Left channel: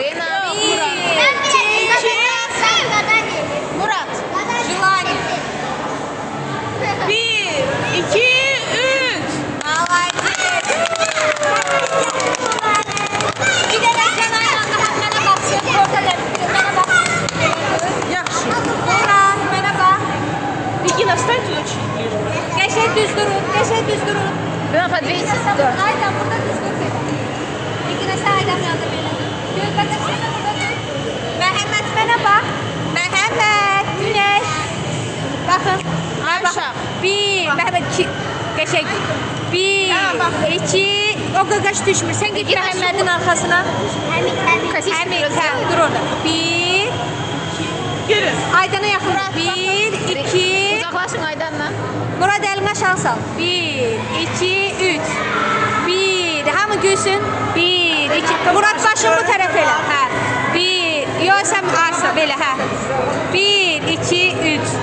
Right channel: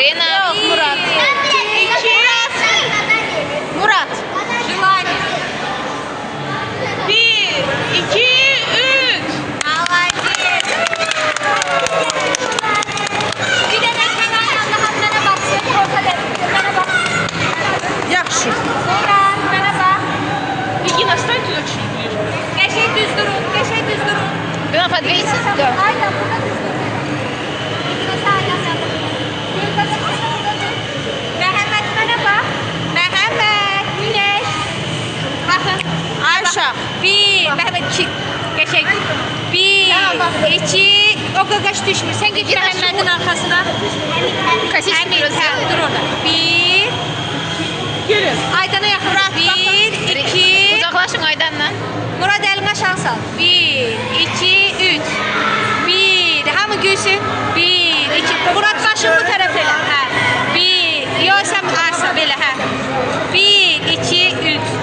Rena. Murat. Bir, iki, üç. Yaxşı. İki настать очень ближе. Qəşəng düz durun, qəşəng düz durun. Buna подвесить? Да. Aynen burada düz durun. İkine sağdan yandım. Məhəmməd mənə bax. Məhəmməd, Güneş. Baxın. Ayşe. Bir, Məhəmməd iki. Qəşəng. Bir, iki. O qaqaş düşmür. Sən git Məhəmmədin arxasına. Косички Həmin, biraz hə, dur orada. Bir. Gelin. Aydana yaxın. Bir, iki. Uzaklaşın Aydan'la. Murad əlimə şans al. Bir, iki, üç. Bir, hamı gülsün. Bir, iki. Murad başını bu tərəf elə. Hə. Bir, yox sən arsa belə, hə. Bir, iki, üç.